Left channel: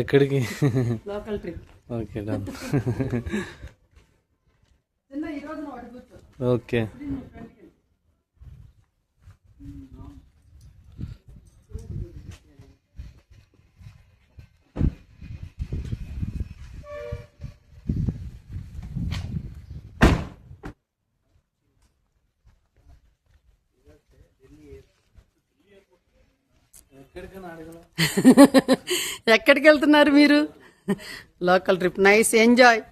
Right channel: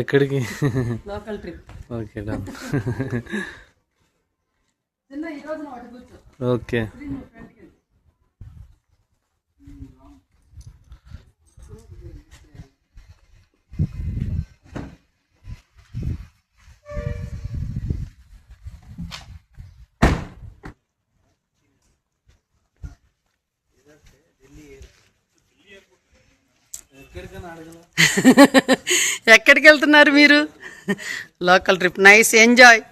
ఎక్కడికి? Local trip. Okay done. Okay. ఎక్కడికి వెళ్తున్నారు మీరు? Local trip. Nice, enjoy.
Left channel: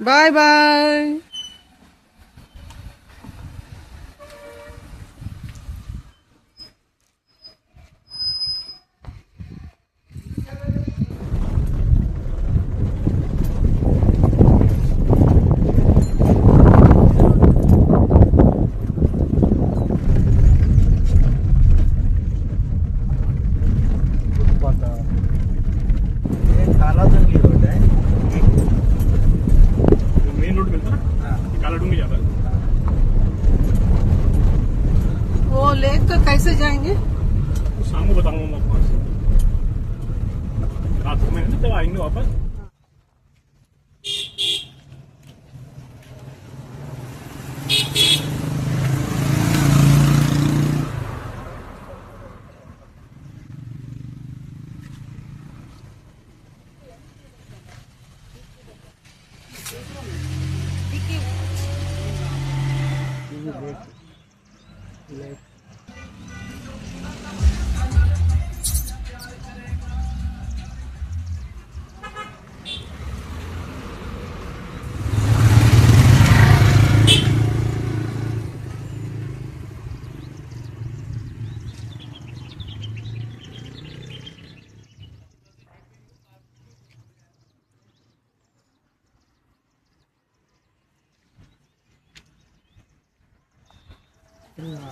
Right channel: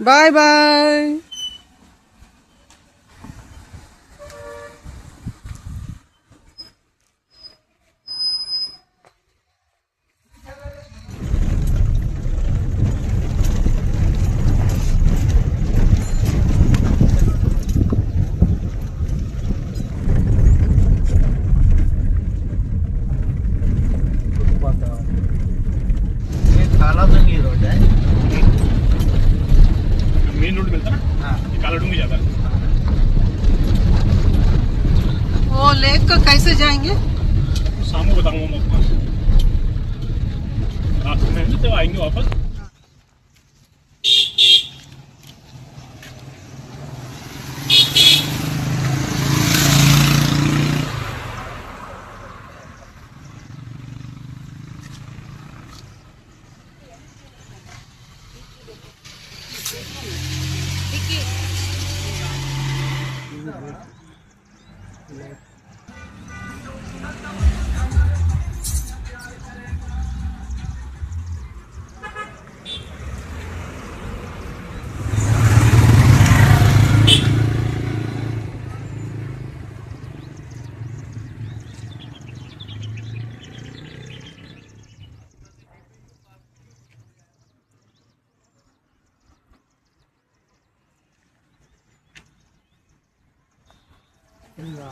Bye bye. वो लेक को कैसे जाएंगे? शाम को बताऊंगा मैं आपको। मैं जब आएंगे वापस।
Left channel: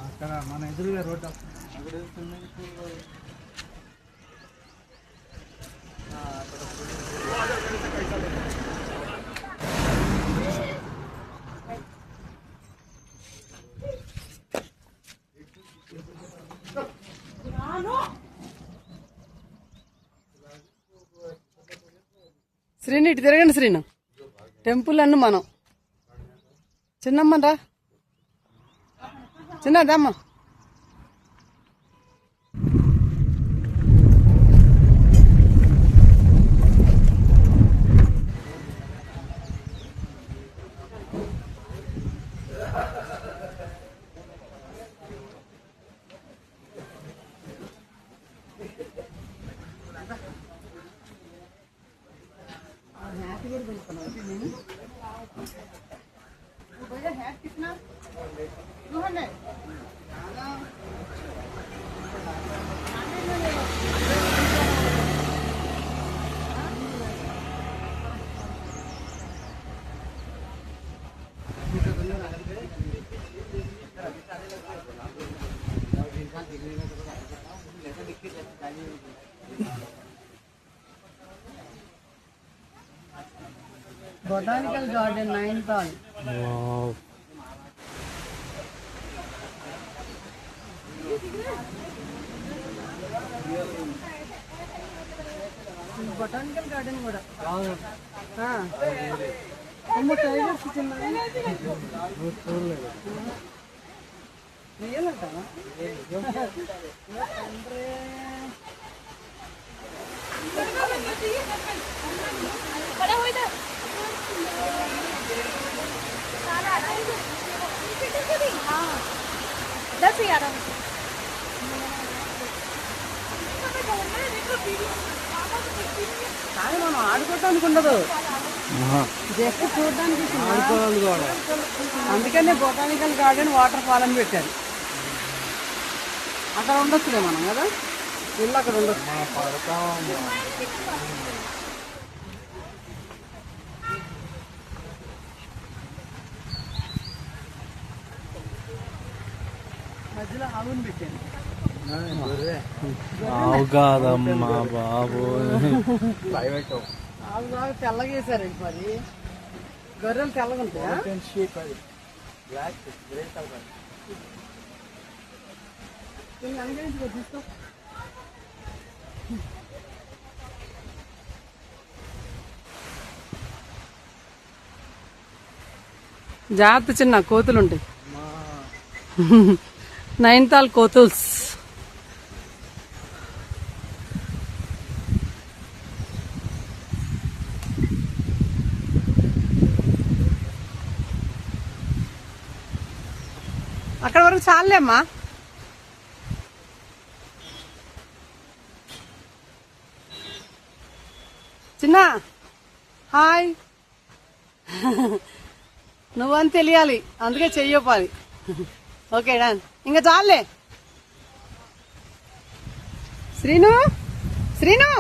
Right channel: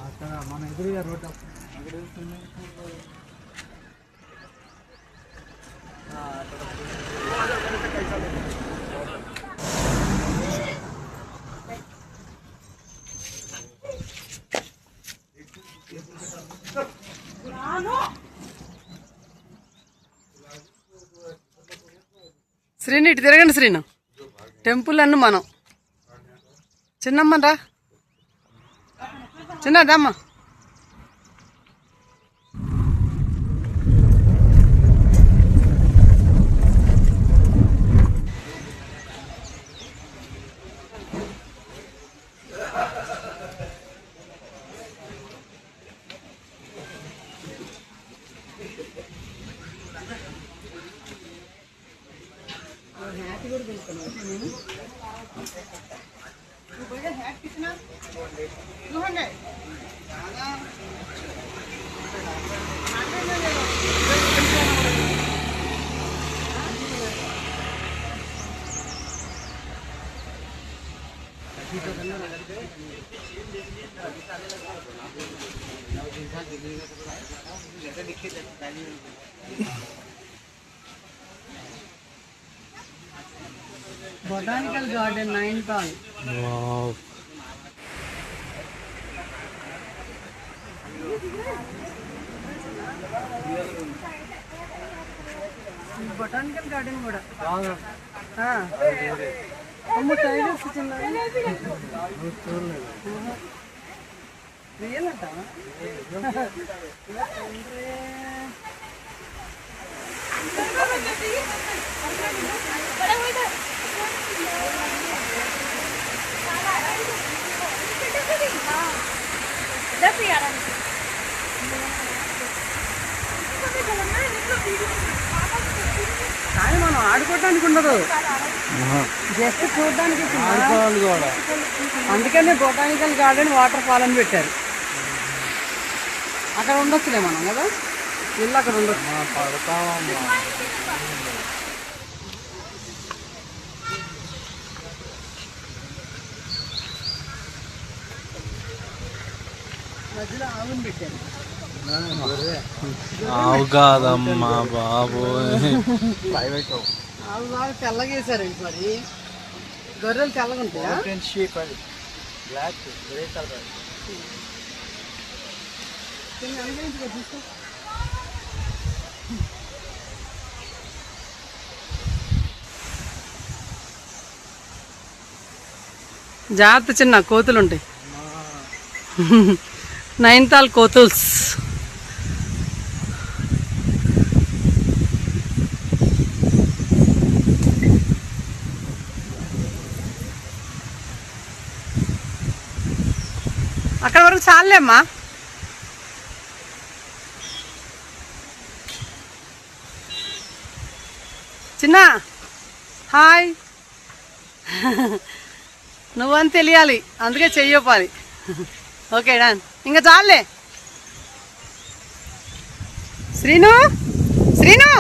అక్కడ మన ఎదురుగా రోడ్డు శ్రీను ఇటు తిరగండి. శ్రీను టెంపుల్ అన్ను మనం. చిన్నమ్మరా, చిన్నదమ్మ. Botanical Garden, 9th on. Wow. Botanical garden కూడా టైగర్స్ రియల్ అంటావా? కానీ మనం ఆడుకోవడానికి ఉండదు, జస్ట్ చూడడానికి. అందుకనే బొటానికల్ గార్డెన్ వాటర్ ఫాల్ అని పెట్టారు. అక్కడ ఉండొచ్చులే మనం కదా. వెళ్ళి అక్కడ ఉండదు. మధ్యలో ఆవును పెట్టాను. ఆవు కాదమ్మా బాబు. ఆవు బాగా తెల్లగా వేసారండి. మరి గొర్రెలు తెల్లగా ఉంటాయా? చూసుకో. జాగ్రత్త, చిన్న కోతులు ఉంటాయి. నైన్తాల్ కోతుల్స్. అక్కడ వరకు చాలే అమ్మా. చిన్న హాయ్. నువ్వని తెలియాలి, అందుకే చెయ్యొప్పాలి. ఓకే డాన్, ఇంకా చాలే. శ్రీను, శ్రీను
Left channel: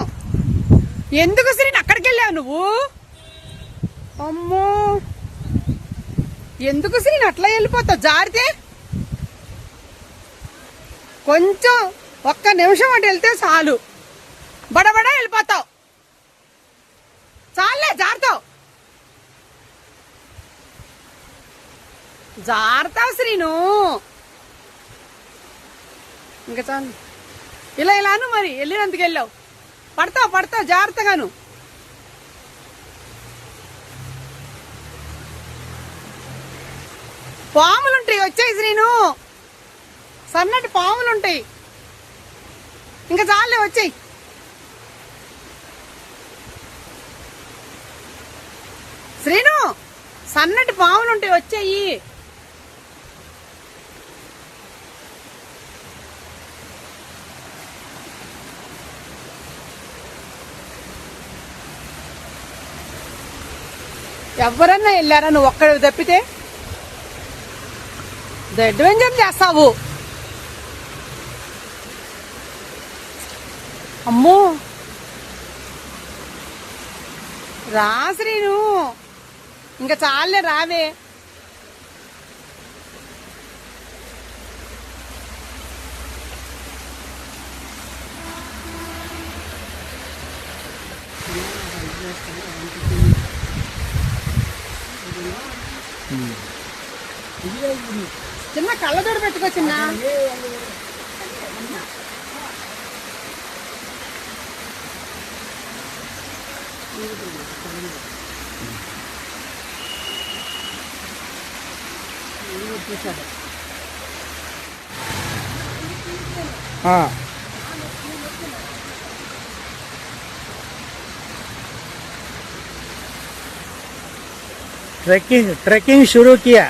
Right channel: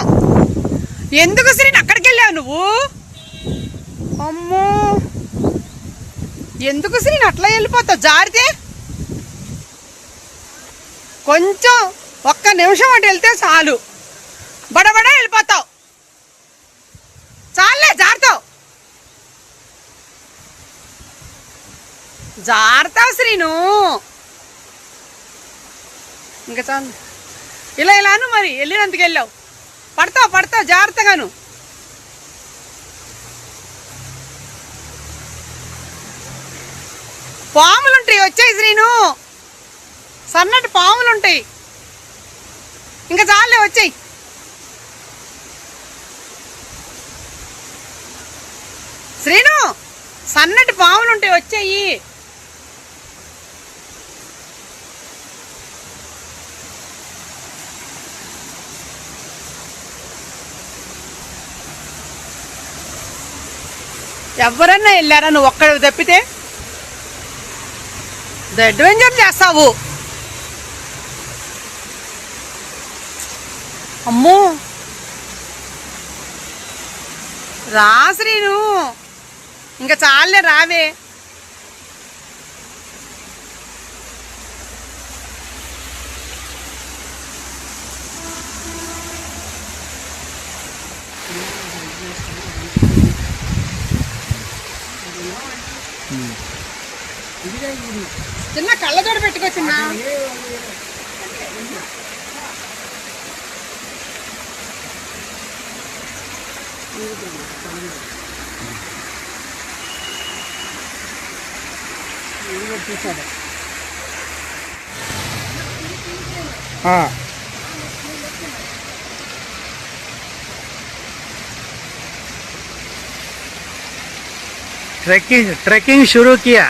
ఎందుకు శ్రీను అక్కడికి వెళ్ళావు నువ్వు? అమ్మో, ఎందుకు శ్రీను అట్లా వెళ్ళిపోతావు? జారితే కొంచెం ఒక్క నిమిషం అటు వెళ్తే చాలు, బడబడ వెళ్ళిపోతావు. చాలే, జారుతావు జారుతావు శ్రీను. ఇంకా చాలు. ఇలా ఇలాను మరి వెళ్ళినందుకు వెళ్ళావు. పడతావు పడతావు జాగ్రత్తగాను. పాములుంటాయి, వచ్చాయి శ్రీను. సన్నటి పాములుంటాయి. ఇంకా చాలే, వచ్చాయి. శ్రీను, సన్నటి పాములుంటాయి, వచ్చాయి. ఎవరన్నా వెళ్ళారా? నువ్వు ఒక్కడ తప్పితే అడ్వెంచర్ చేస్తావు. అమ్మో, రా శ్రీను, ఇంకా చాలే, రావే. చిన్న కళ్ళజోడు పెట్టుకో చిన్న. ट्रैकिंग शुरू किया.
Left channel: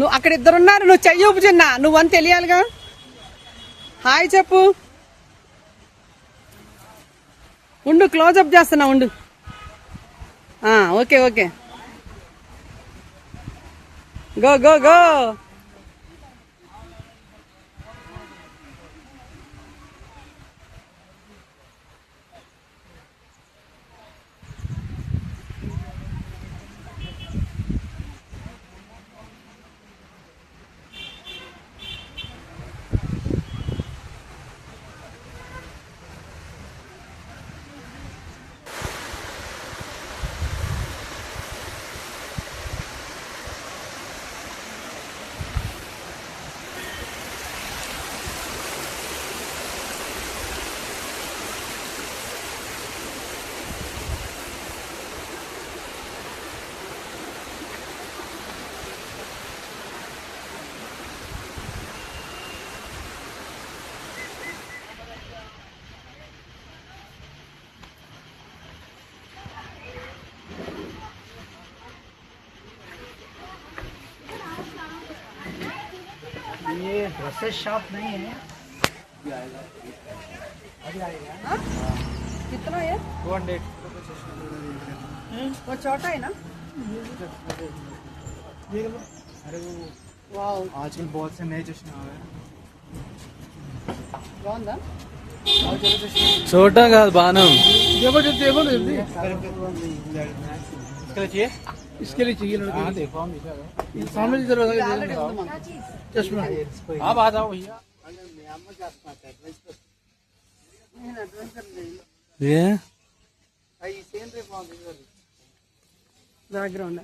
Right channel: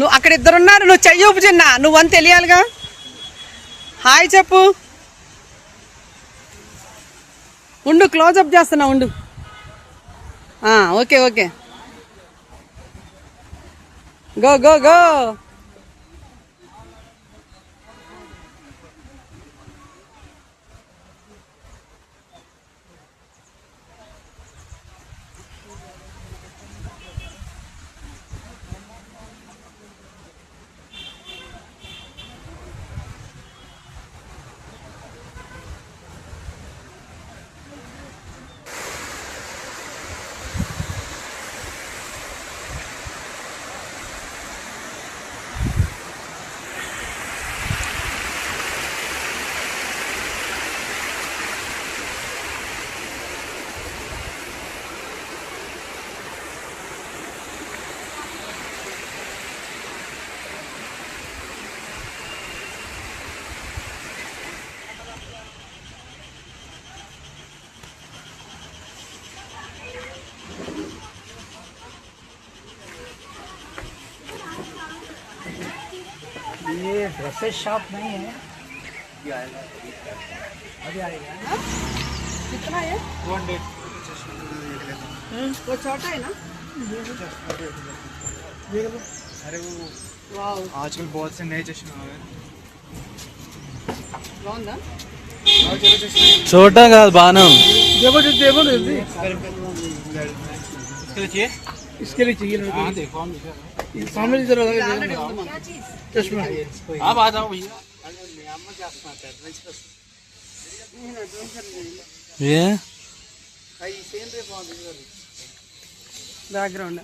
నువ్వు అక్కడ ఇద్దరున్నారు, నువ్వు చెయ్యి ఊపు చిన్న, నువ్వని తెలియాలిగా. హాయ్ చెప్పు. ఉండు, క్లోజప్ చేస్తున్నా ఉండు. Okay okay, go go go. ये ड्रेसेस शॉप नहीं है, अभी आएगा। कितना है 200। वो छोटा है ना? अरे वो वाह, आजकल बहुत से नए चश्मे आ रहे हैं। బాగుందా? చూడటం కాదు, బాగానే ఉంది. इसके लिए चाहिए लड़के। हाँ देखो, हम सामने इधर ఆల్రెడీ ఉంది మాకు. चश्मा। आप आ जाओ भैया। ఏ బ్యాక్గ్రౌండ్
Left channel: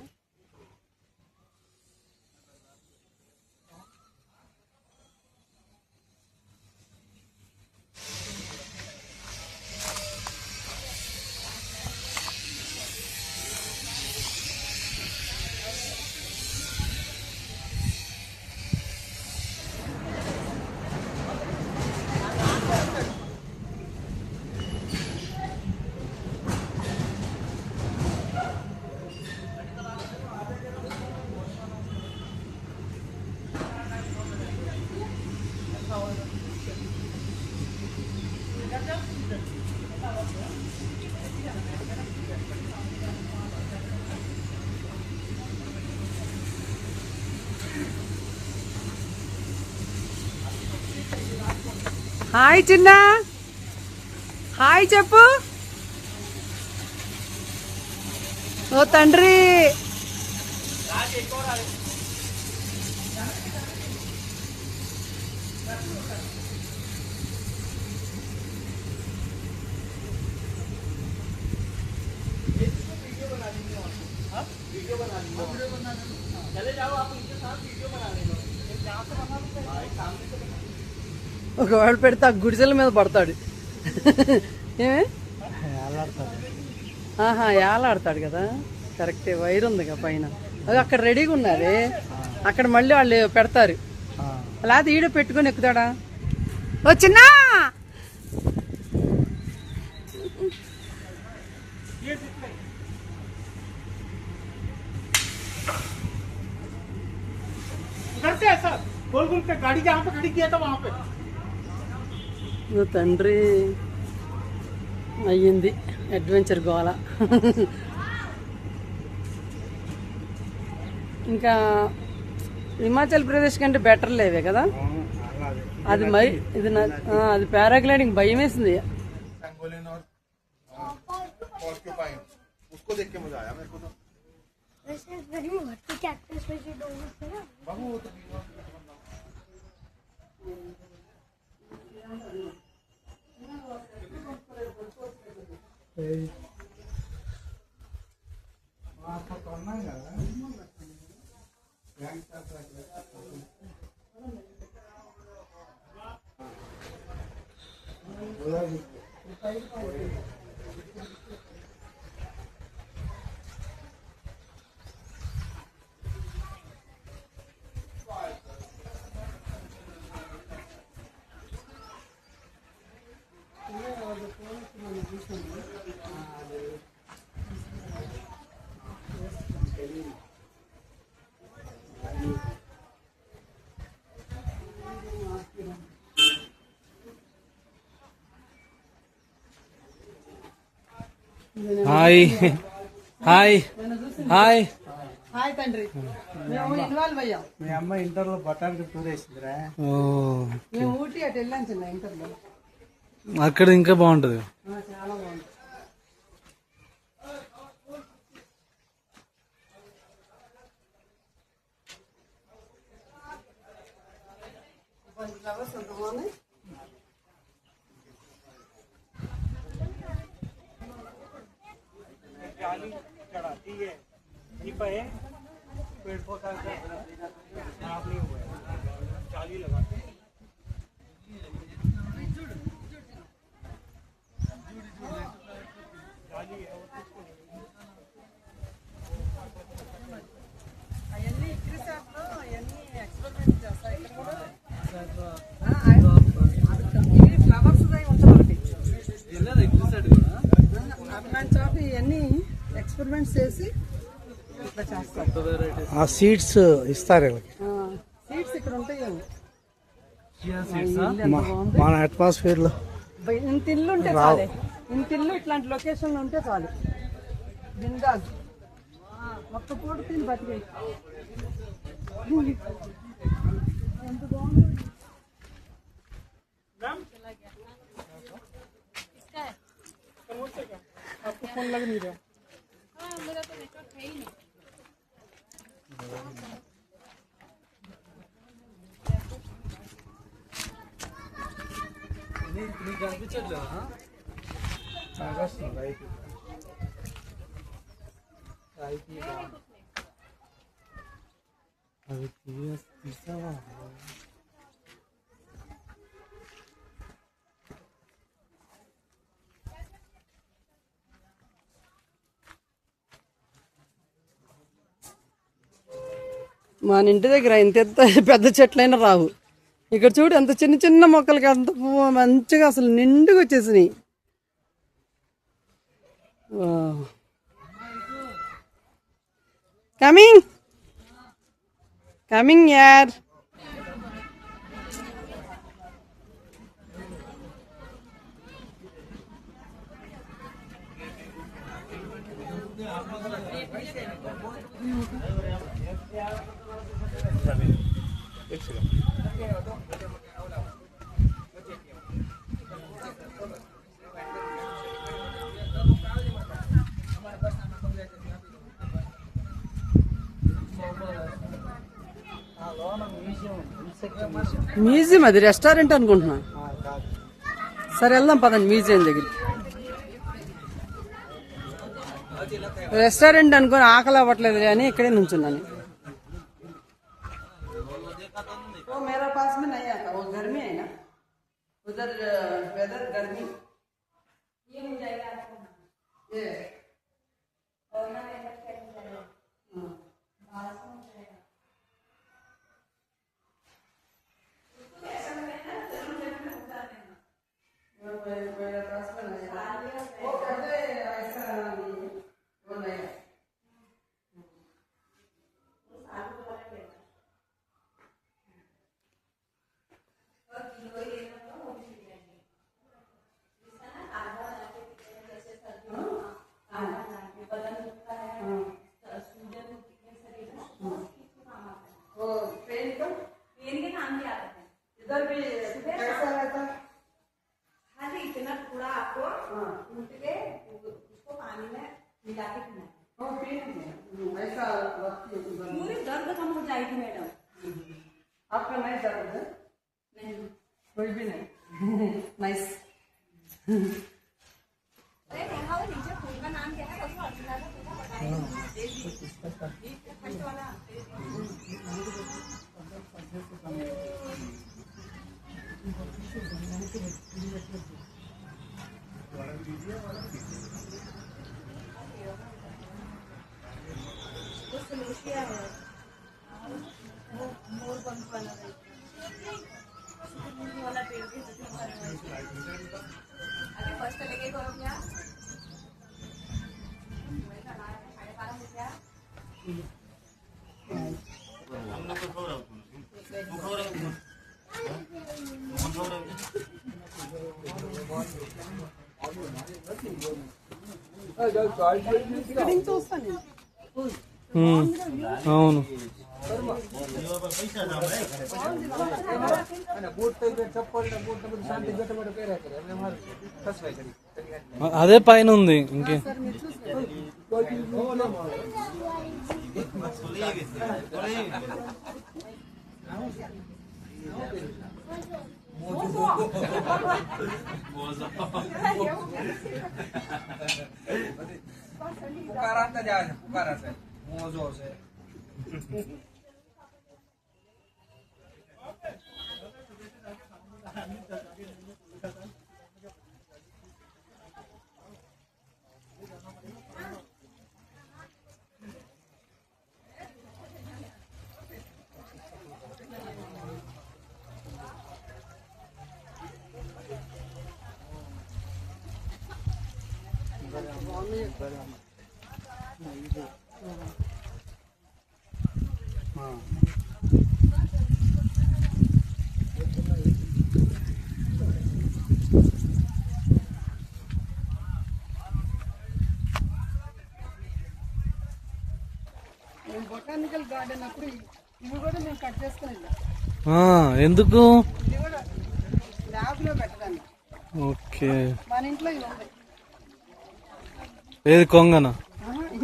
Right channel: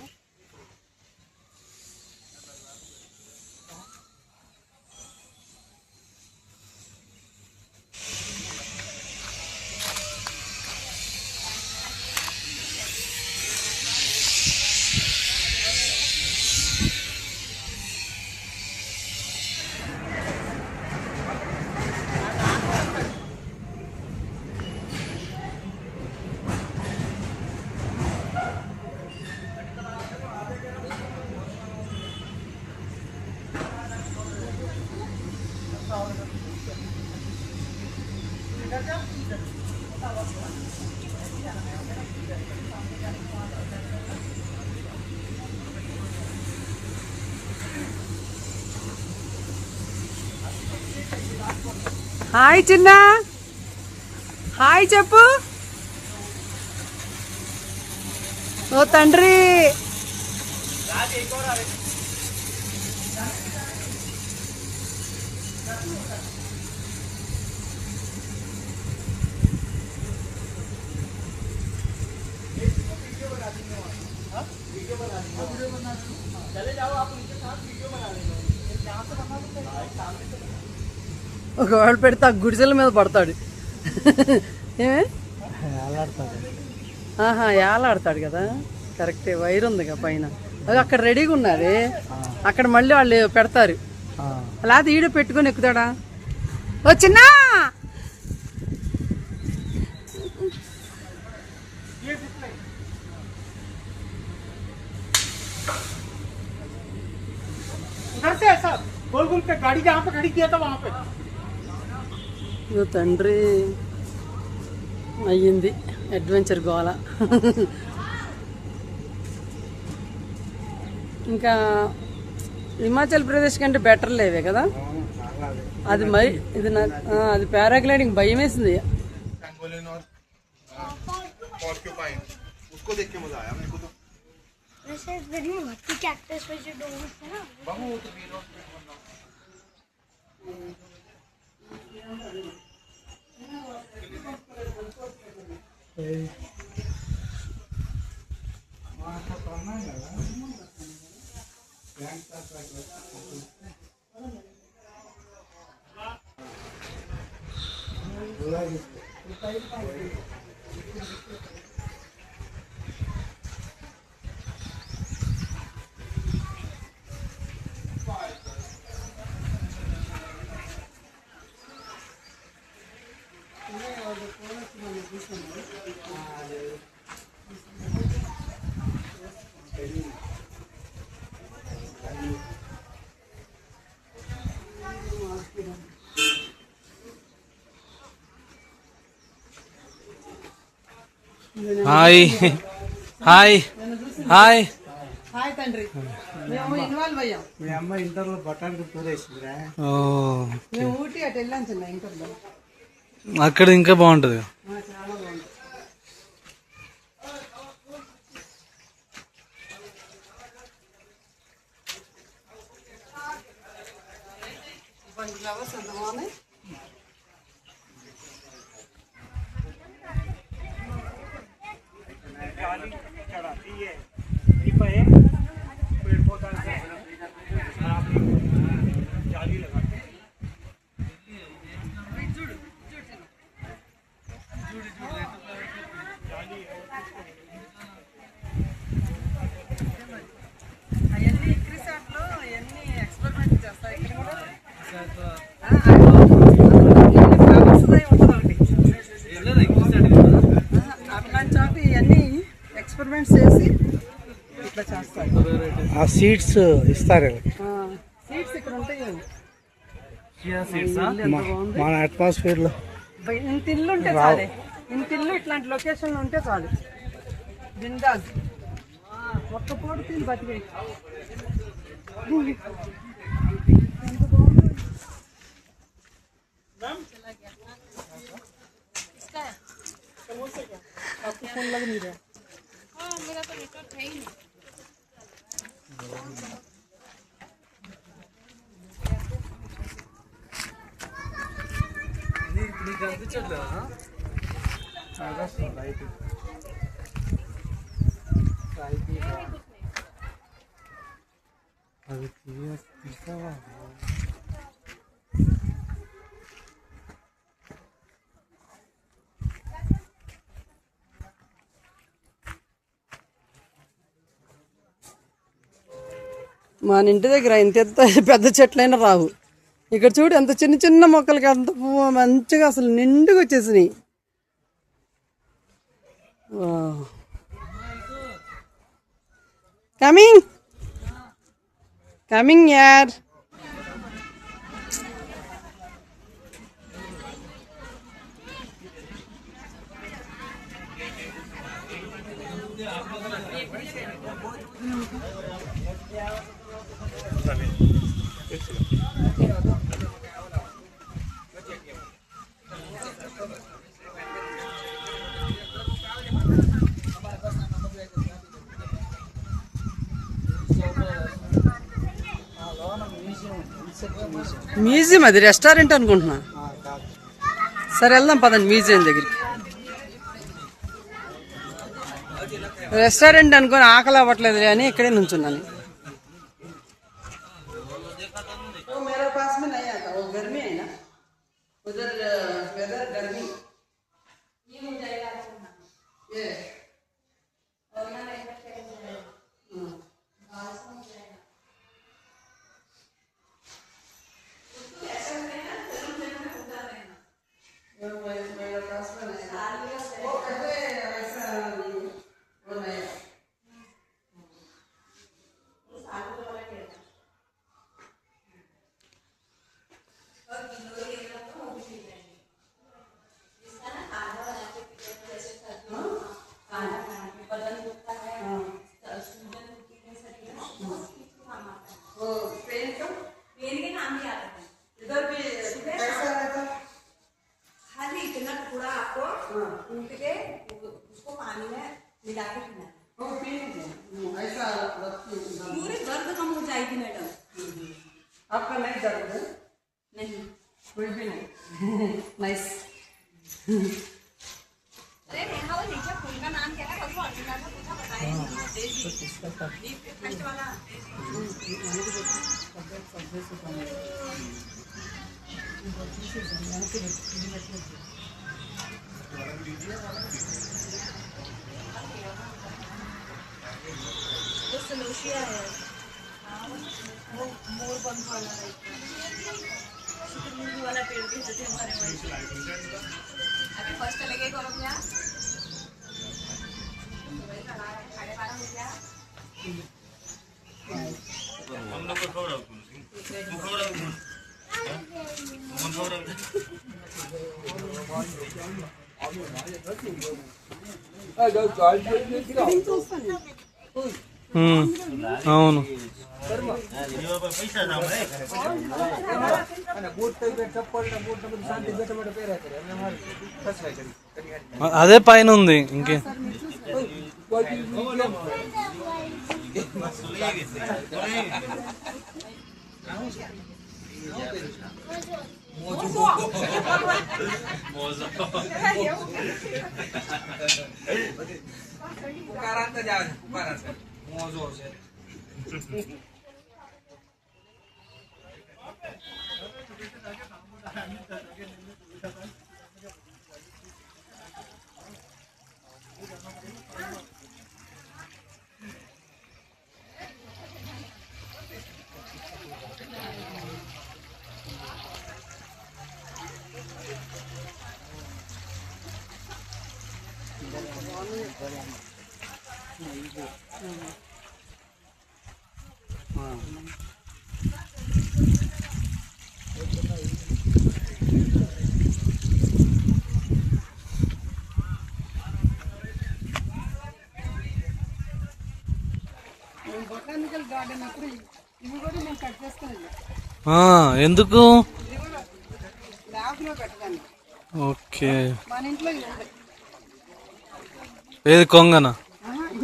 హాయ్ చిన్న, హాయ్ చెప్పు. ఓ తండ్రి, ఒకవేళ పెడితే ఆ గుడిసెల మీద పడతాడు. ఏమే ఏలాడతాడు కదా, కరెక్టే. వైర్ ఉందిగా పైన, అది అక్కడ రెడీగా ఉన్నది. అక్కడ మళ్ళీ వాళ్ళు పెడతారు, అలాగే ఈడ పెట్టుకొని ఎక్కుతాడా. ఓ చిన్న, गोल पे गाड़ी जहाँ पे खड़ी किया था वहाँ पे। ఓ తండ్రి, అయ్యింది అడ్వెంచర్ గోల. ఇంకా హిమాచల్ ప్రదేశ్ కంటే బెటర్ లేవే కదా అది. మరి ఇది అది పారాగ్లైడింగ్ భయం వేసింది. Hi hi hi. హాయ్ తండ్రి, మేము ఇన్వాల్వ్ అయ్యాం. మీ అమ్మ ఇంటర్లో బొటానికి టూర్ వేసిందిరా. ఓ, మేము ఊటీ అటు వెళ్ళాం చిన్న ఇంటర్లో. అక్కడ ఇంకా బాగుంటది. చాలా బాగుంది. ఫ్లవర్స్ ఎంత బాగున్నాయి. అవన్నీ ఇక్రిసాట్లో అవన్నీ ఎక్స్పెరిమెంట్ చేస్తారు. ఇక్కడ కూడా ఫ్లవర్స్ ఉంటుంది ఒకటి. అట్లాంటి చోట ఇవన్నీ ఎక్స్పెరిమెంట్స్ చేసి ఇట్లా చేస్తారు. ఆ సీడ్స్ ఇస్తారు. సీడ్స్ ఇక్కడ ఉంటాయి. మన అట్మాస్ఫియర్ లో ఇంత ఇల్లు ఉంటే చాలు, ఇంత ఇల్లు ఇట్లాంటి లొకేషన్లో ఉంటే చాలు. బిందాస్ ఒక్క పూట తిని బతికే. आपको फोन लग नहीं रहा? हाँ, मेरा तो नेटवर्क है ही नहीं. నీకు అనిపించట్లేదా? అది తీసావా? మన ఇంటి దగ్గర ఇంత పెద్ద చెట్లైనా రావు. ఇక్కడ చూడు ఎంత చిన్న చిన్న మొక్కలకి అంత పువ్వు మంచిగా అసలు నిండుగా వచ్చేసినాయి. కమింగ్ కమింగ్ యార్. మ్యూజియం అది రెస్టారెంట్ అనుకుంటున్నా. సరే వెళ్దాం పదండి మ్యూజియం దగ్గరికి. రెస్టారెంట్ అనుకుని ఆకలి అవ్వట్లేదు అని ఇక్కడే నుంచున్నాను. पूरी दर्द कम हो जाएगी मैडम. आपका नहीं दर्द है? नहीं, कोई भी नहीं. नाइस. अरे देखा वो नीचे फूल का नाम क्या है? कसो अर्जुना का पूछा बताइए. फर्स्ट वाला वाला पेड़ भी होते हमारे अभी फर्स्ट लगे करो क्या అవును. అదే పైన ఉంది ఇంకే. బొటానికల్ గార్డెన్ అప్పుడు ఇవి కూడా మేము కట్ చేసుకుని ఎందుకు? ఇది కూడా ల్యాబ్ లో పెట్టడానికి. ఓకే. మన ఇంట్లో ఇవి ఉంటాయి. ఏది కొంగనా?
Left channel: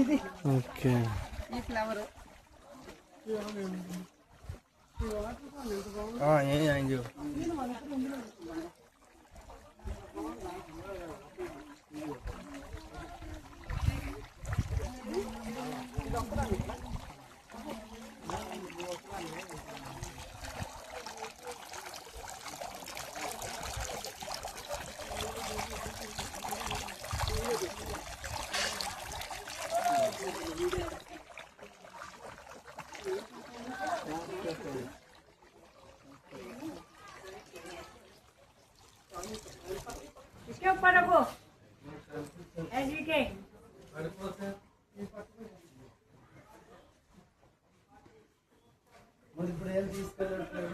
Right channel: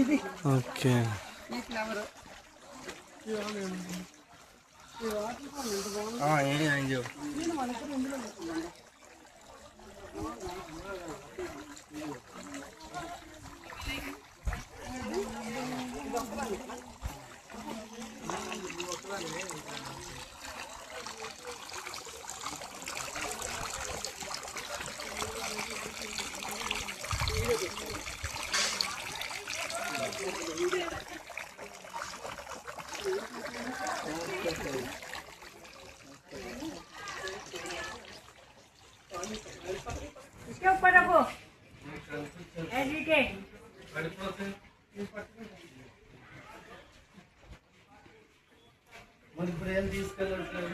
ఇది ఓకే. ఈ ఫ్లవర్ इसके ऊपर रखो ऐसे के మరి ఇప్పుడు ఏం తీసుకెళ్ళట్లేదు?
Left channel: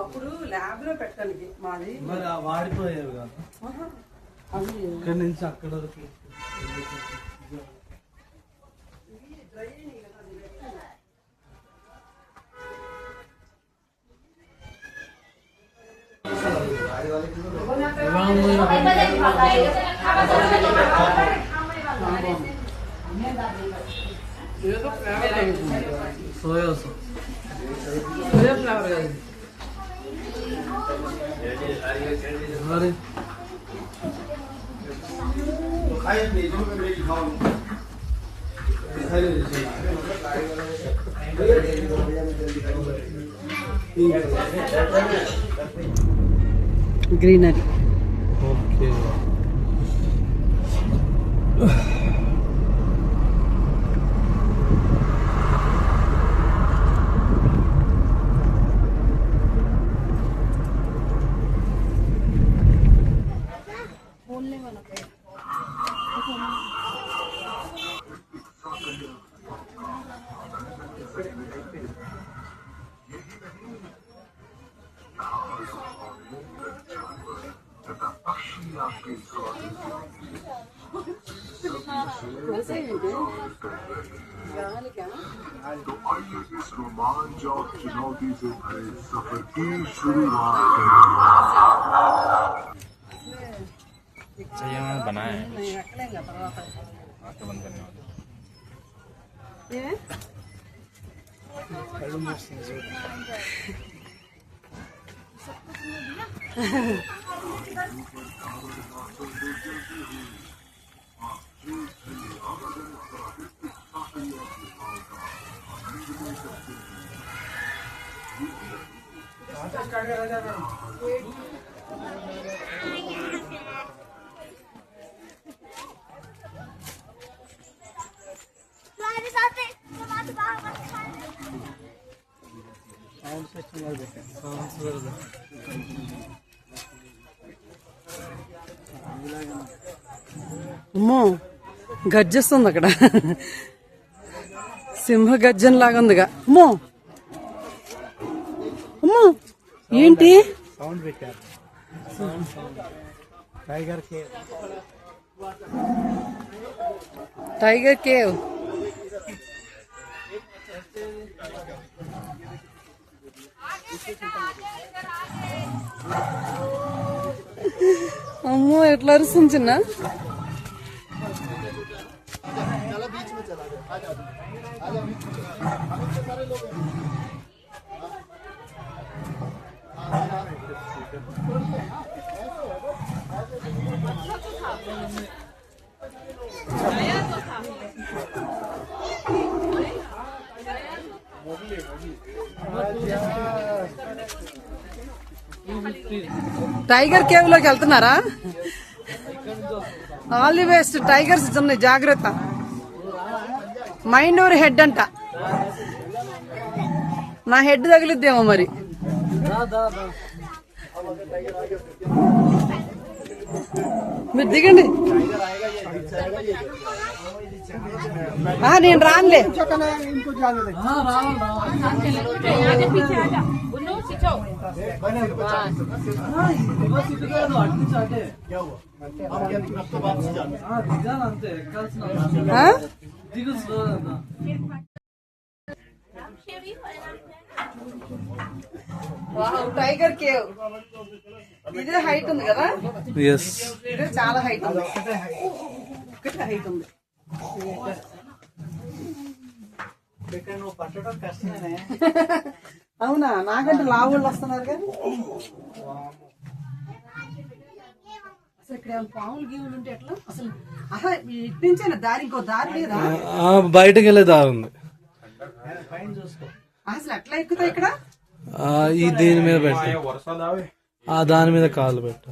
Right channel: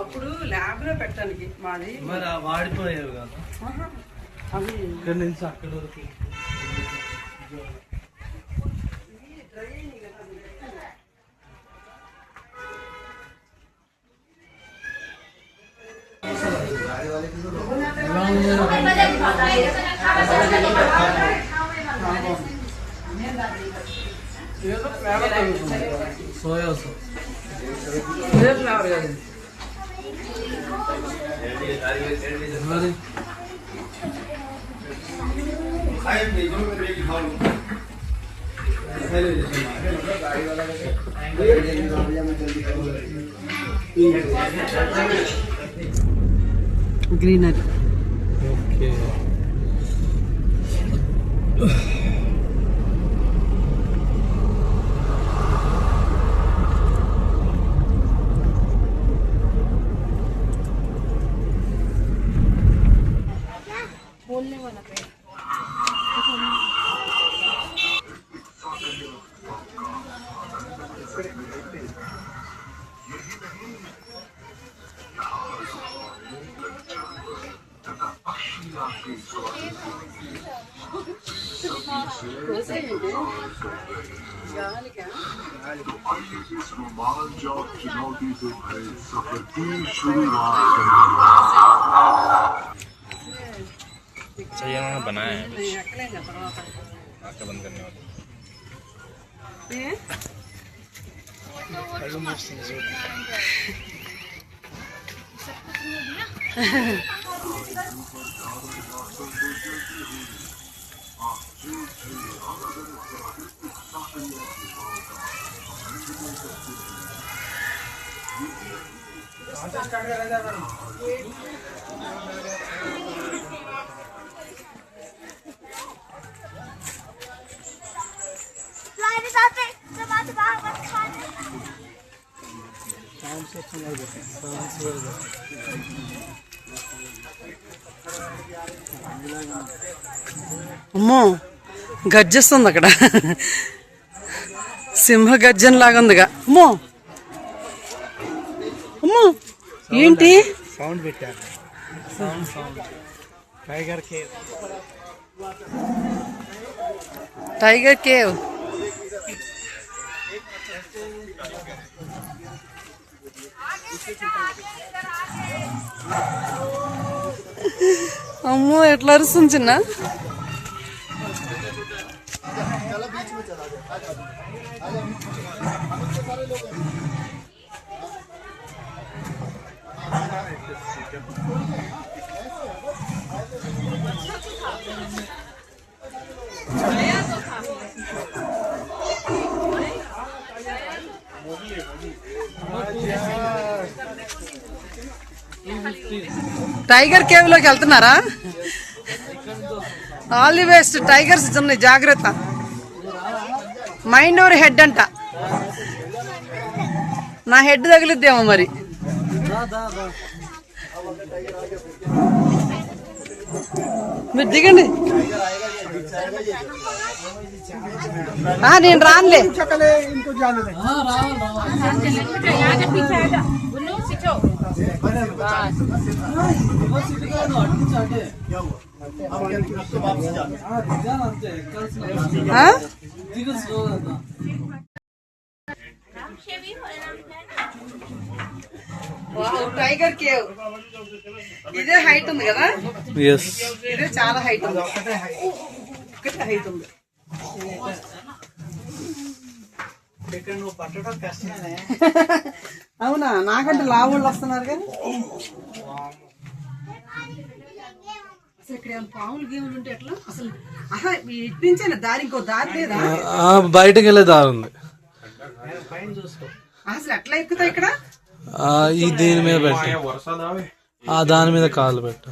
అప్పుడు ల్యాబ్ లో పెట్టడానికి మాది. మరి వాడిపోయావు కదా అవి ఇక్కడి నుంచి అక్కడ వరకు. సోయా సాస్ ఫ్లవర్ కాదు. మరి గ్రీనరీ. ఓకే. बोलने वाला पेड़ इस रोमांच और चुनौती से भरे सफर की शुरुआत बनाया है नहीं ఎక్కలేంగా తర్వాత. आंखें बंद करने वाली ఏ? అమ్మో గర్జిస్తుంది అక్కడ, సింహ గర్జన లాగా ఉందిగా. అమ్మో అమ్మో ఏంటి సౌండ్ పెట్టారు. Tiger cave. Tiger cave. అమ్మో ఎట్లా అరుస్తుంది చిన్న. టైగర్ కేవ్ లోకి వెళ్తున్నారా? All the best. టైగర్స్ ఉన్నాయి, జాగ్రత్త. మైండ్ ఓవర్ హెడ్ అంట. నా హెడ్ తగిలిద్దేమో మరి. మీరు దిగండి. నేను రానులే. టైగర్ కేవ్ ఇదే హైట్ ఉంది కదా? ఇదే చాలా హైట్ ఉంది. ఒకటే హైట్ ఉంది. అవునా? నాకంటే లావుళ్ళు వస్తున్నారు కానీ అసలు ఇక్కడ ఏమైనా పాములు గీములు ఉంటే ఎట్లా? అసలు ఇటు నుంచే దారి, ఇంకో దారి లేదా? బయటకు వెళ్ళే దారి ఉంది. అసలు ఎట్లా ఎక్కుతాయి ఇక్కడ? ఈ దీని మీద పెట్టు, దాని మీద కాలు పెట్టు.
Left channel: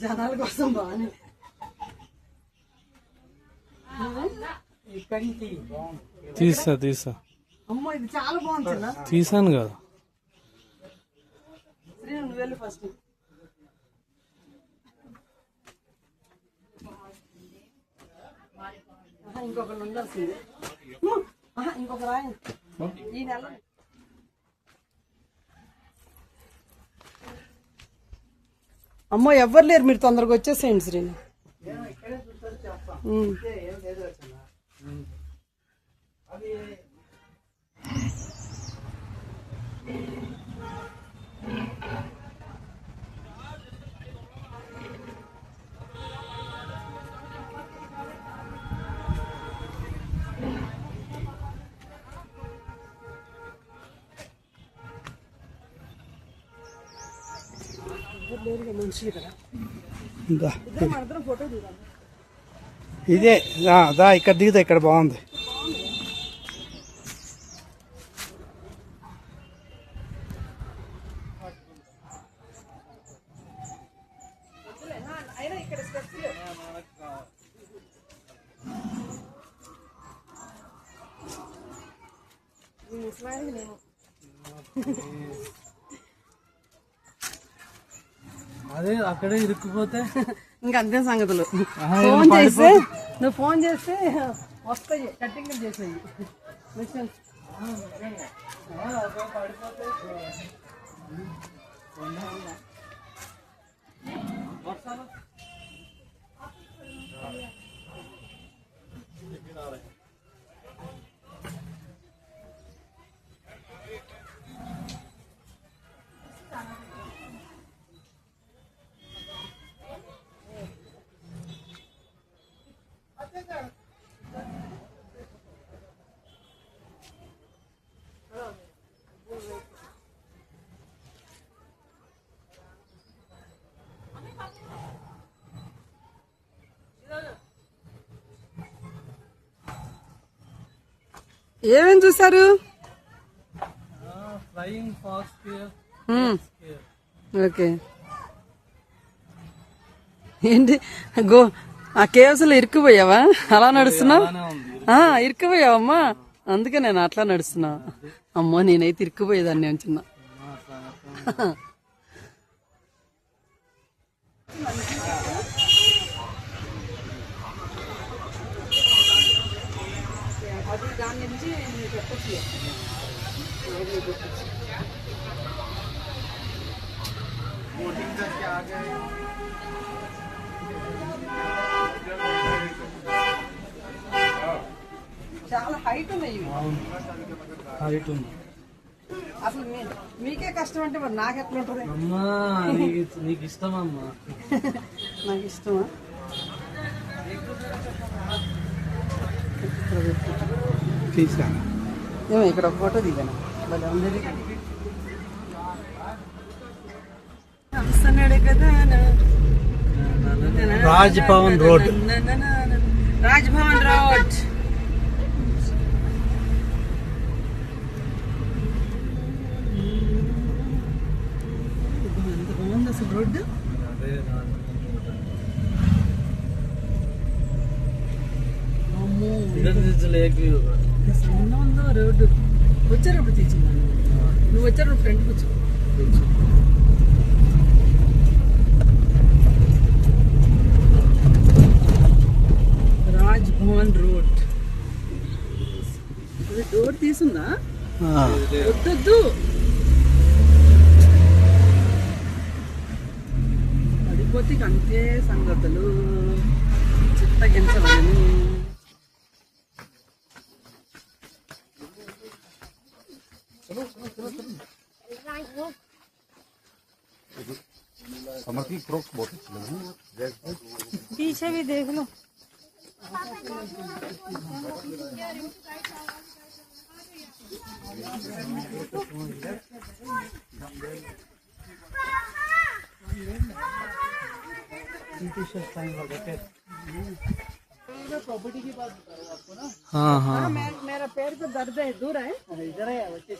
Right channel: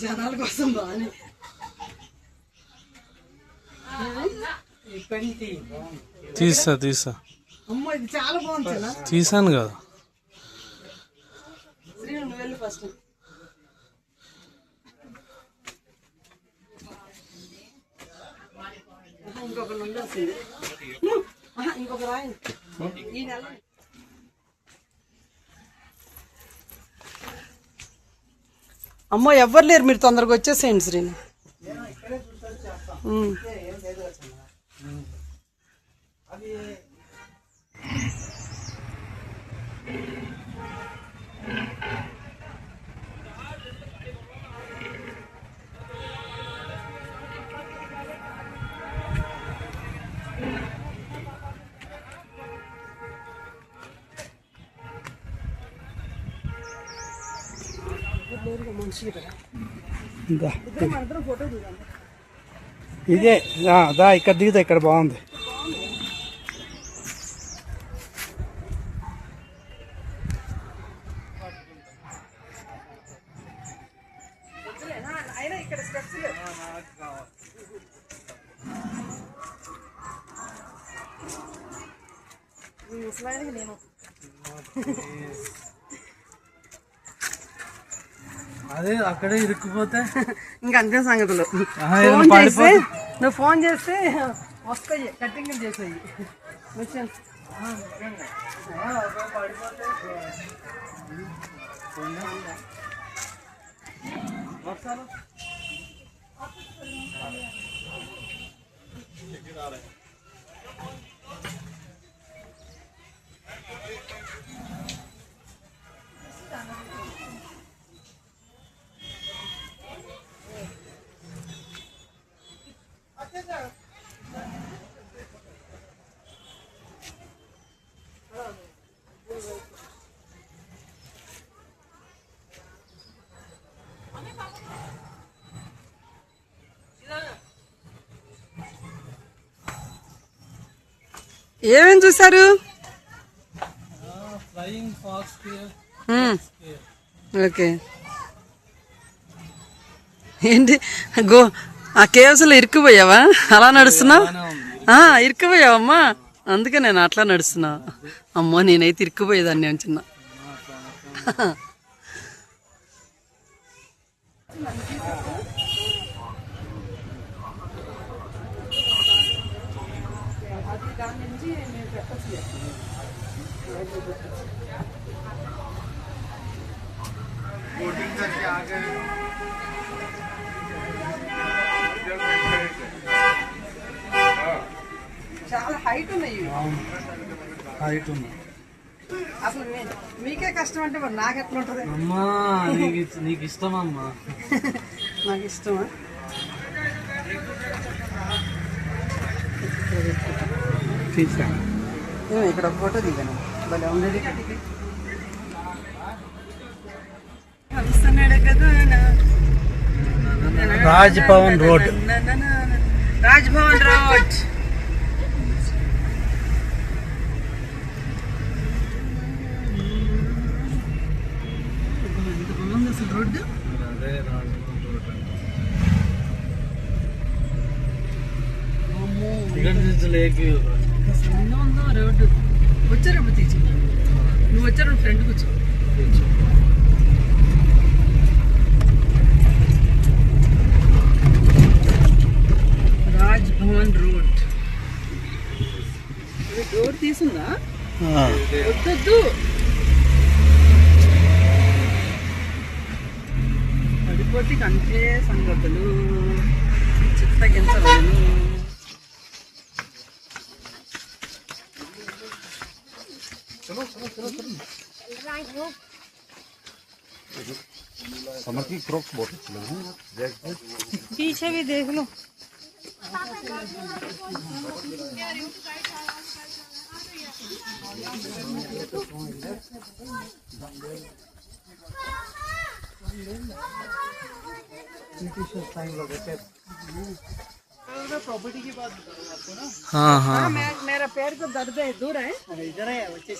జనాల కోసం బాగా తీసా. అమ్మో ఇది చాలా బాగుంది. తీసాను కదా. నువ్వు వెళ్ళి ఫస్ట్. ఇంకొకరు ఉండాల్సింది. ఇంకొక రాయి ఈ నెల. అమ్మో ఎవ్వరు లేరు, మీరు తొందరగా వచ్చేసేయండి శ్రీను. ఇదే ఇక్కడ దిగుతా. ఇక్కడ బాగుంది. అదే అక్కడే ఇరుక్కుపోతే ఇంకంతే సంగతులు. నువ్వు ఫోన్ చేస్తే వస్తాయి, కటింగ్ చేసాయి మిషన్స్. ఏమేమి చూసారు? Flying fox. ఓకే. ఏంటి ఆ కేవ్స్ లో ఇరుక్కుపోయావా? అలా నడుస్తున్నావు? ఇరుక్కుపోయావమ్మా, అందుకే నేను అట్లా నడుస్తున్నా. అమ్మో నేనైతే ఇరుక్కుపోయేదాన్ని చిన్న. చాలా హైట్ ఉన్నాయి. హైట్ ఉన్నా. అసలు మీకే కష్టం అంటే మరి నాకు ఎట్లా ఉంటుంది? అమ్మా నీకు ఇష్టమమ్మా. నాకు ఇష్టమా? ఇక్కడ ఫోటో దిగాను. రాజ్భవన్ రోడ్. రాజ్భవన్ రోడ్. ఎంత బాగుంది అసలు రోడ్డు. సన్నగా ఉందో రోడ్డు. వచ్చారు ఇప్పుడు తీసి నువ్వు వచ్చారు ఫ్రెండ్ కూర్చో. రాజ్భవన్ రోడ్. డోర్ తీసుందా? వద్దొద్దు, పడిపోతే అంతే సంగతులు. చిత్తగించవలను. पीछे भी देख लो. प्रॉपर्टी की बात बता रहा हूँ आपको ना. हाँ, मेरा पैर को दर्द है. दूर है, इधर है. वैसे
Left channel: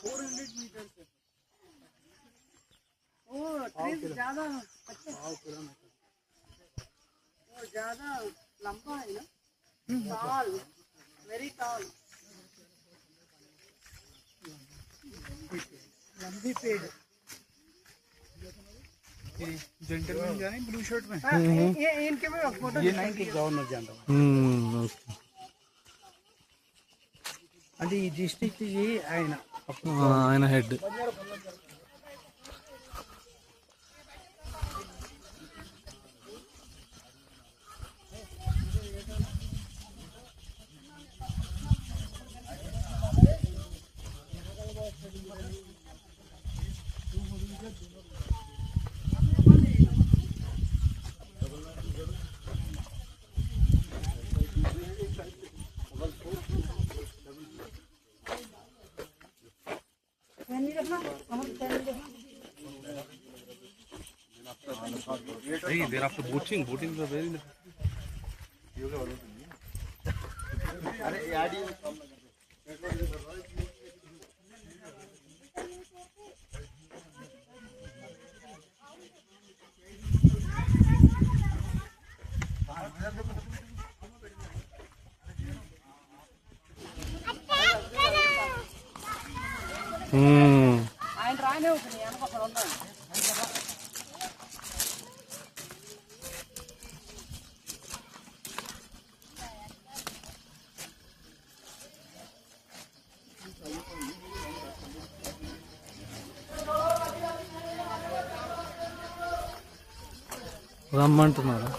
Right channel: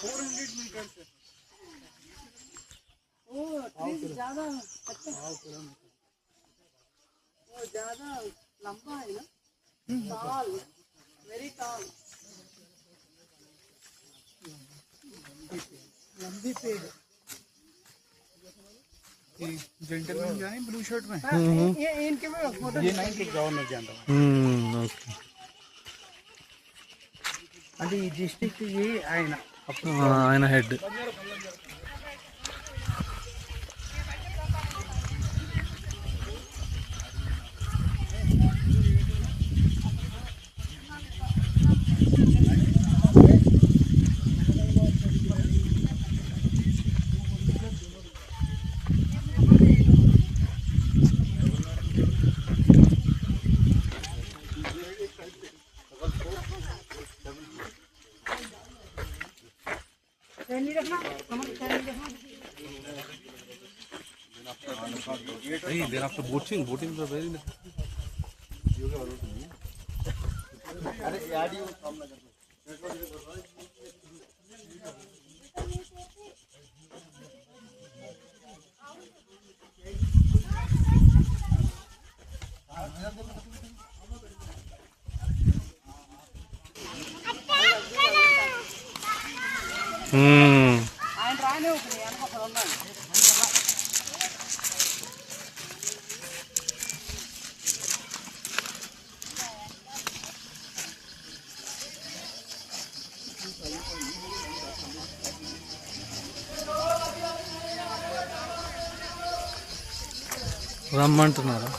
400 मीटर से. वो ट्रीज ज्यादा वो ज्यादा लंबा है ना. tall, very tall. लंबी पेड़. जेंटलमैन जो है ब्लू शर्ट में, ये इनके में फोटो. ये नहीं गाँव में जान रहा हूँ. ఓకే. అది ఈ డిస్ట్రిక్ట్ ఆయన హెడ్. ఆయన రానే అవుతుంది. రమ్మంటున్నారా?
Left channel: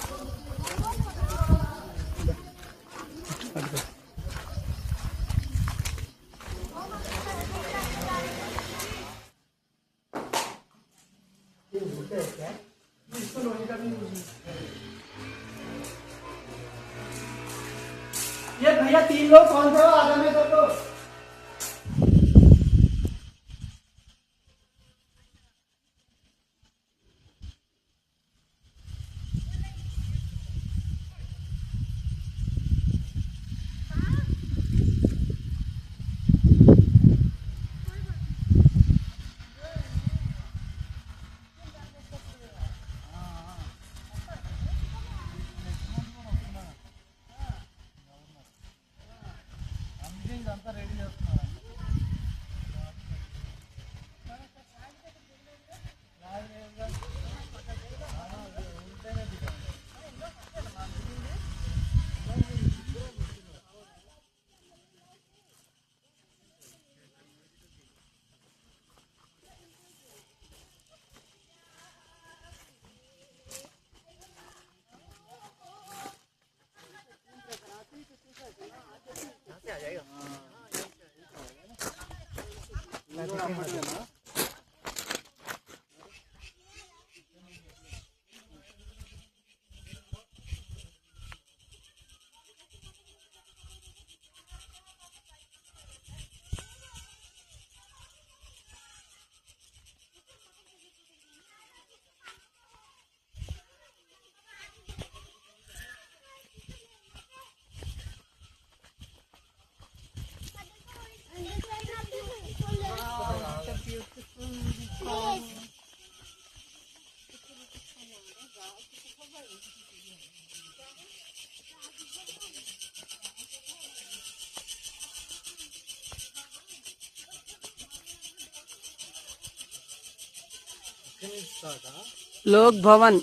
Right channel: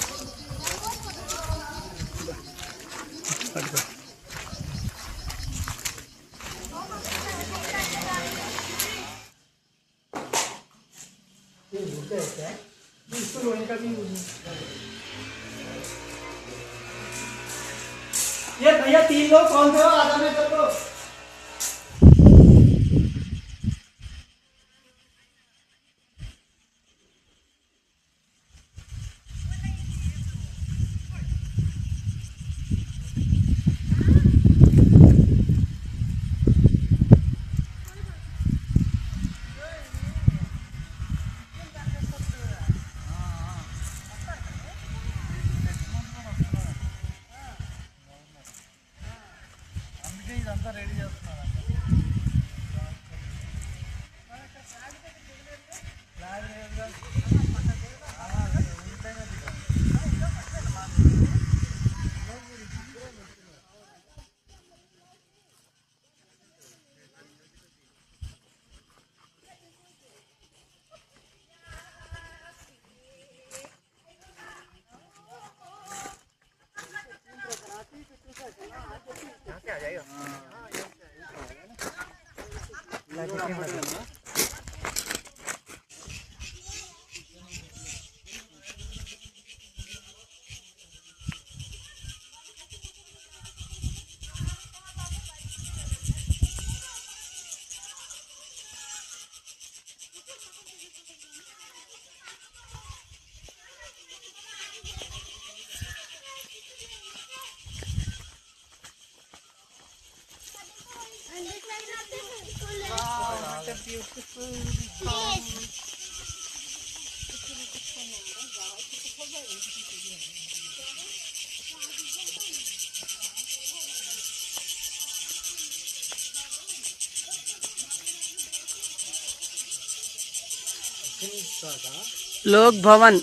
లోక్ భవన్.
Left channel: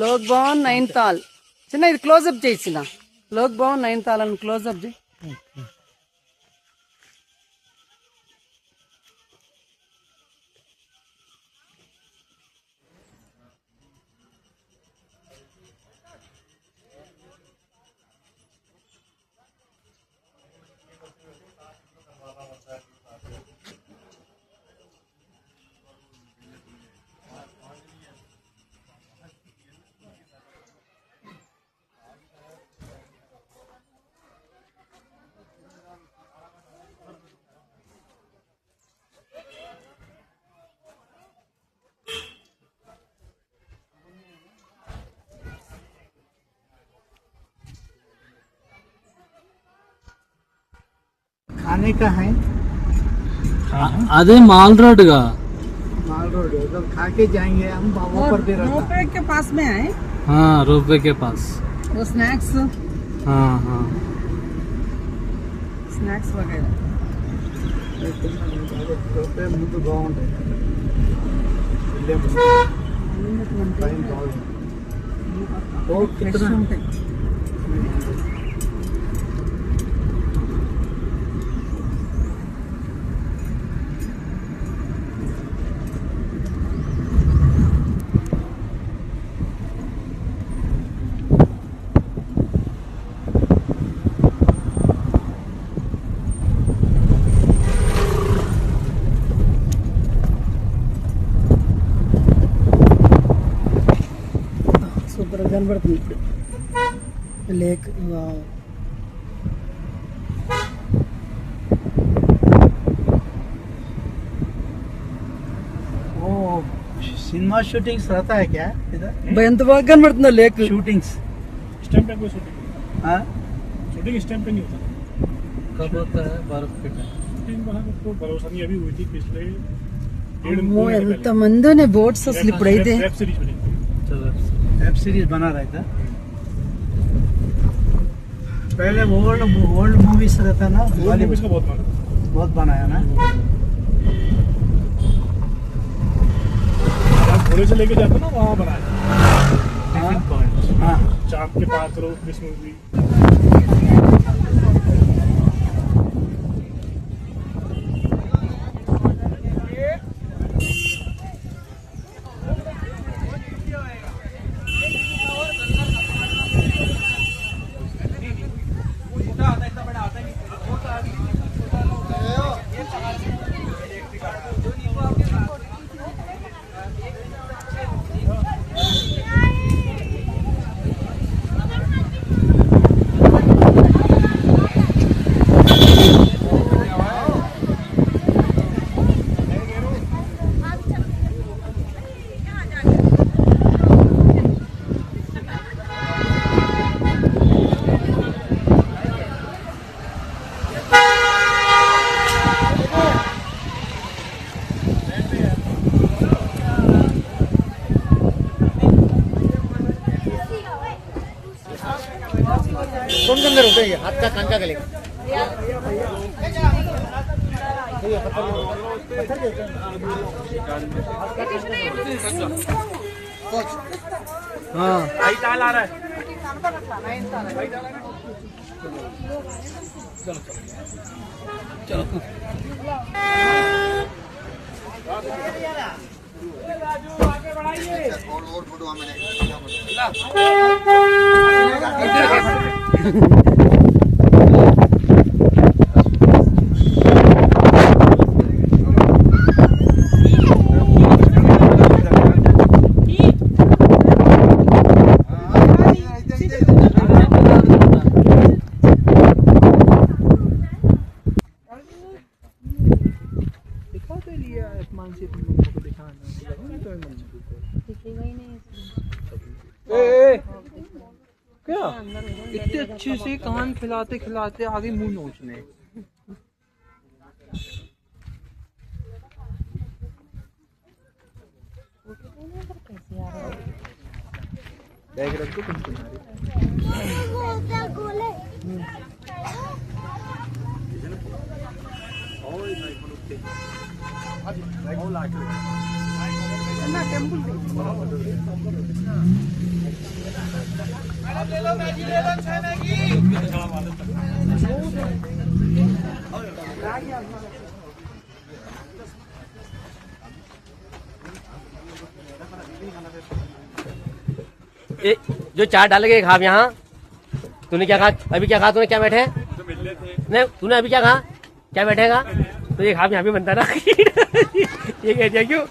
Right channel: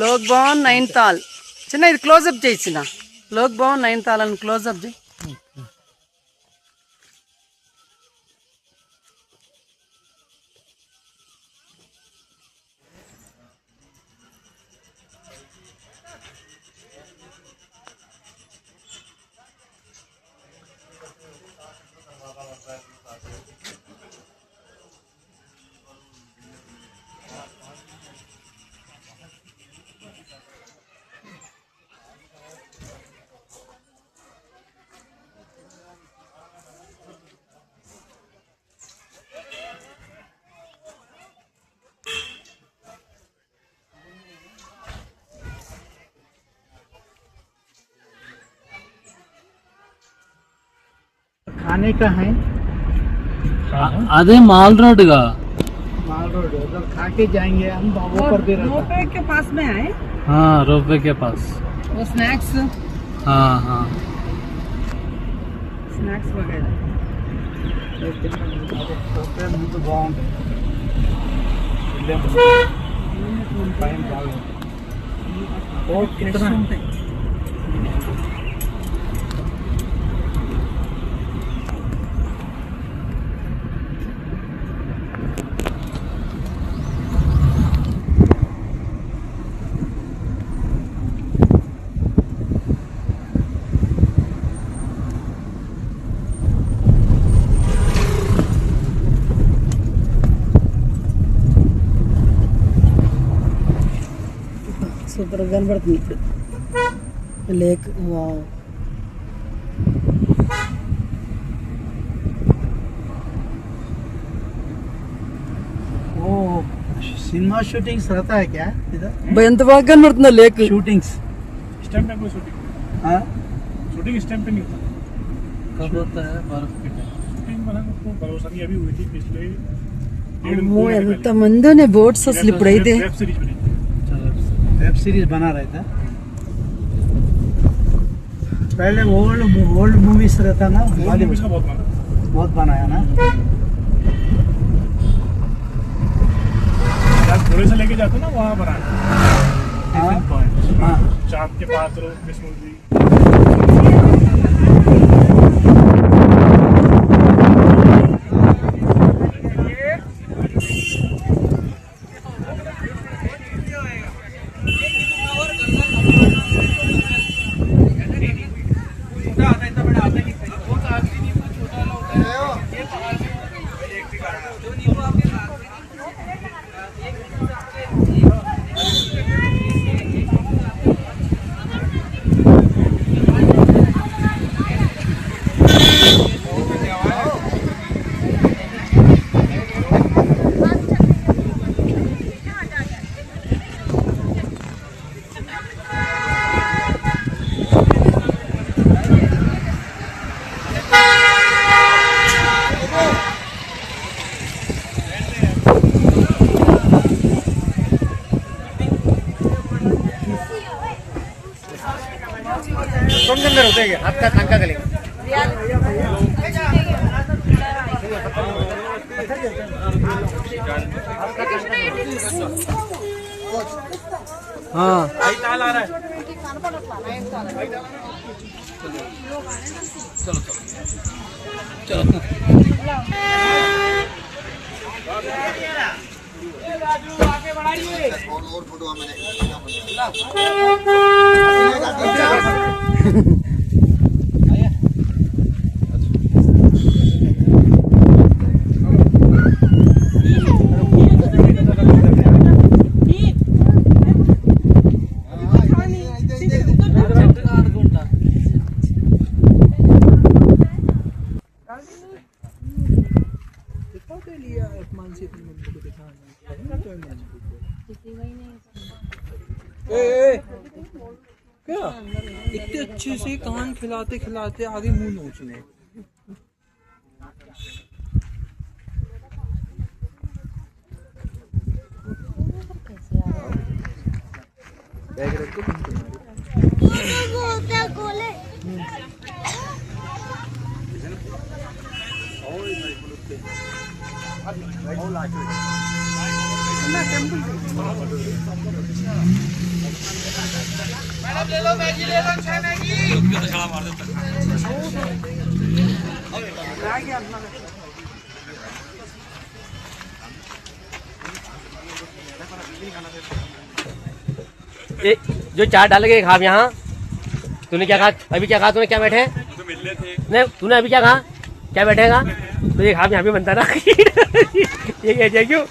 లోక్ భవన్ నైన్తాల్. చిన్న ఇది క్లోజ్అప్ చేసిన లోక్ భవన్ నైన్తాల్ అని క్లోజ్అప్ చేయి. खाने का है అదే మాల్ రోడ్ గా माल रोड उधर खा के जाएंगे हम वो कर दे रहा था रोपवे के पास में है हाँ रोपवे के पास वो स्नैक्स हाँ हाँ స్నాక్స్ వగైరా. ముందు బాగుంది టైం బాగుంది ఉంటాయి. సూపర్ గా కనబడుతుంది ఇప్పుడు లేక్. ओ सिनेमा शूटिंग्स रहता है क्या इधर ఎంత బాగా కనబడుతుందో లేక్. शूटिंग्स स्टैंप पे शूटिंग हाँ शूटिंग स्टैंप पे नहीं होता कब होता है बर्फ के टाइम शूटिंग को भरोसा नहीं अभी हुई थी पिछले అమ్మో ఎంత మందినే బోట్స్ అసలు ఇప్పుడైతే. वेब सीरीज बनी वेब सीरीज बना रहा था पहले ओल्ड मूवीज रहता ना मूवीज का बहुत बनाया ना घोड़े से लेके जाते ना वहाँ बनाया हाँ पॉइंट हाँ चांद के पास रहो कृष्ण जी तुम अंदर होते हैं आपका तंका करेगा हाँ क्या इतने अच्छे से कान खिलाते खिलाते आगे मुंह नोचने। जो चाट डाल के खा यहाँ। तूने क्या कहा अभी? क्या कहा तूने? क्या बैठे तो मिल रहे थे। नहीं तूने अभी क्या कहा? क्या बैठेगा तो ये खा यहाँ भी बनता ना। ये कह क्यों?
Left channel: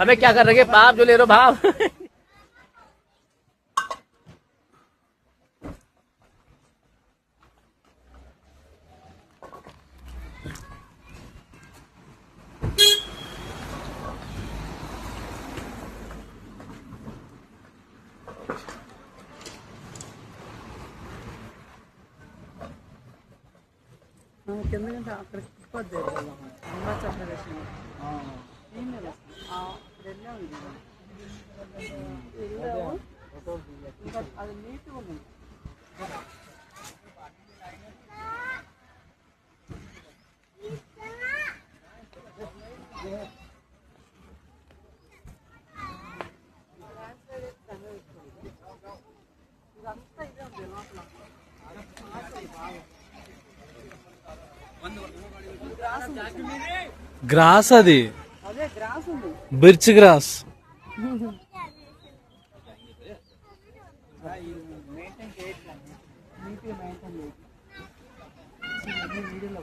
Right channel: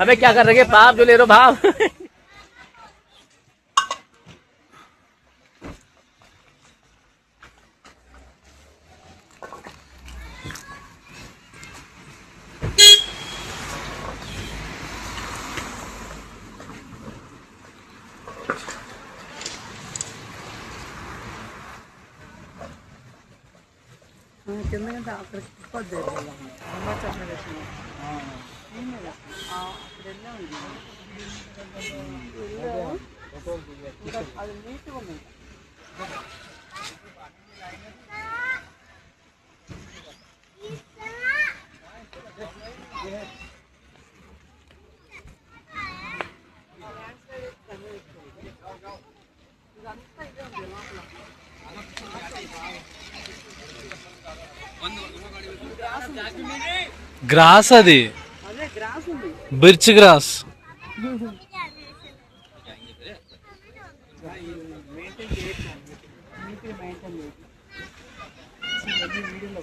अबे क्या कर रहे पाप जो ले रहे भाव। కింద అక్కడికి అది నీట్గా ఉంది. ఇదంతా ఇదే ఉంది లోపల. గ్రాస్ అది, అదే గ్రాస్ ఉంది, బిర్చ్ గ్రాస్. మెయింటైన్ చేయొచ్చు, నీట్గా మెయింటైన్ చేయొచ్చు. వీడియోలో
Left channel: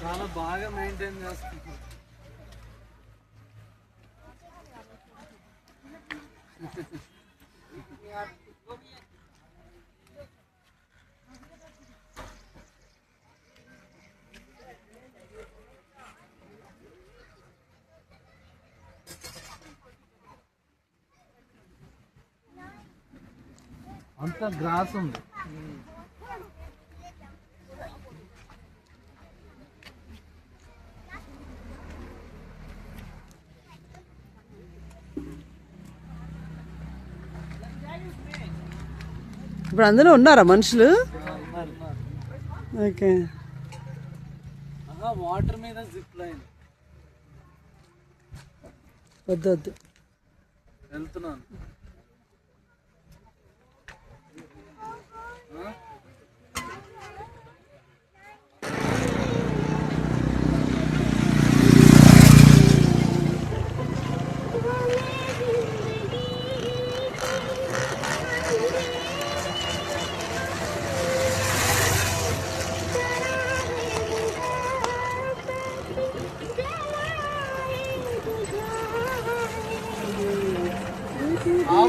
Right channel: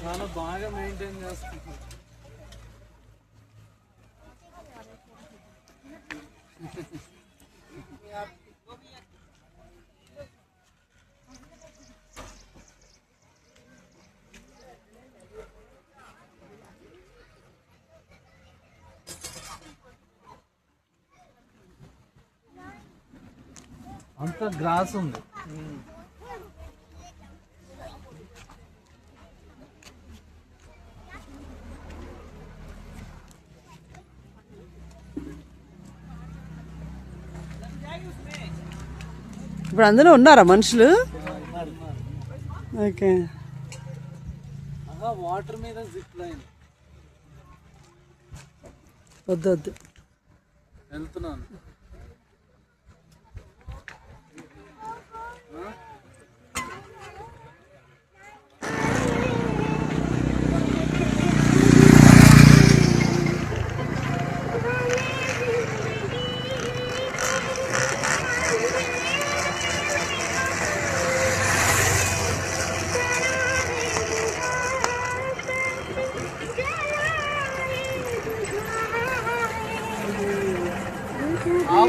చాలా బాగా మెయింటైన్ చేస్తున్నారు. అంత గ్రాస్ ఉంది. ఇప్పుడు అందులో ఉన్నారా మనుషులు? ఓకే, వాటర్ మీద జిప్ లైన్. వద్దు వద్దు, వెళ్తున్నాను.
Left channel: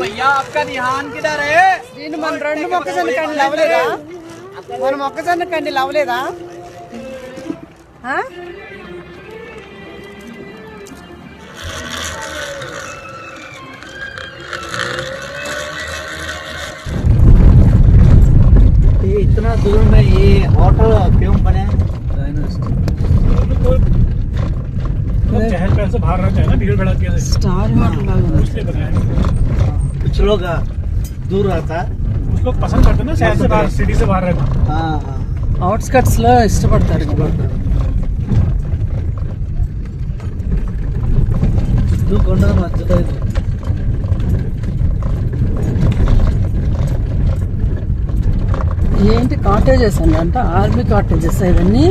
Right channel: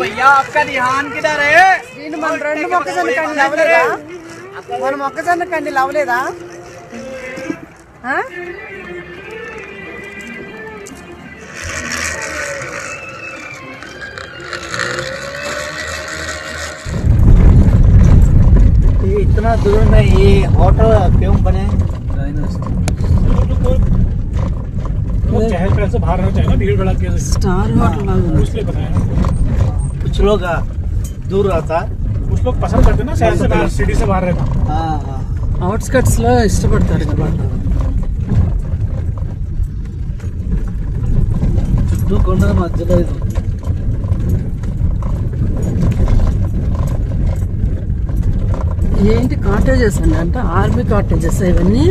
भैया आपका ध्यान किधर है? దీన్ని మన 2 మొక్కజొన్న కండి అవ్వలేదా? మన మొక్కజొన్న కండి అవ్వలేదా ఆ? ये इतना दूर में ये होटल क्यों बने? वो चहल पहल से बाहर रहता है ना, भीड़ भड़क के స్టార్ హోటల్ లాగా ఉంది. इसलिए बनाया ना। कुछ लोग दूर रहता। कुछ लोग पसंद करते हैं ना शहर से बाहर, सिटी से बाहर रहना। हाँ हाँ అవుట్స్కట్స్ లో ఇష్టపడతారు కదా. నువ్వు కొండ మధ్యలో ఏంటి కాటేజెస్ అండి, అంటే ఆర్మీ కాటేజెస్ ఇవన్నీ.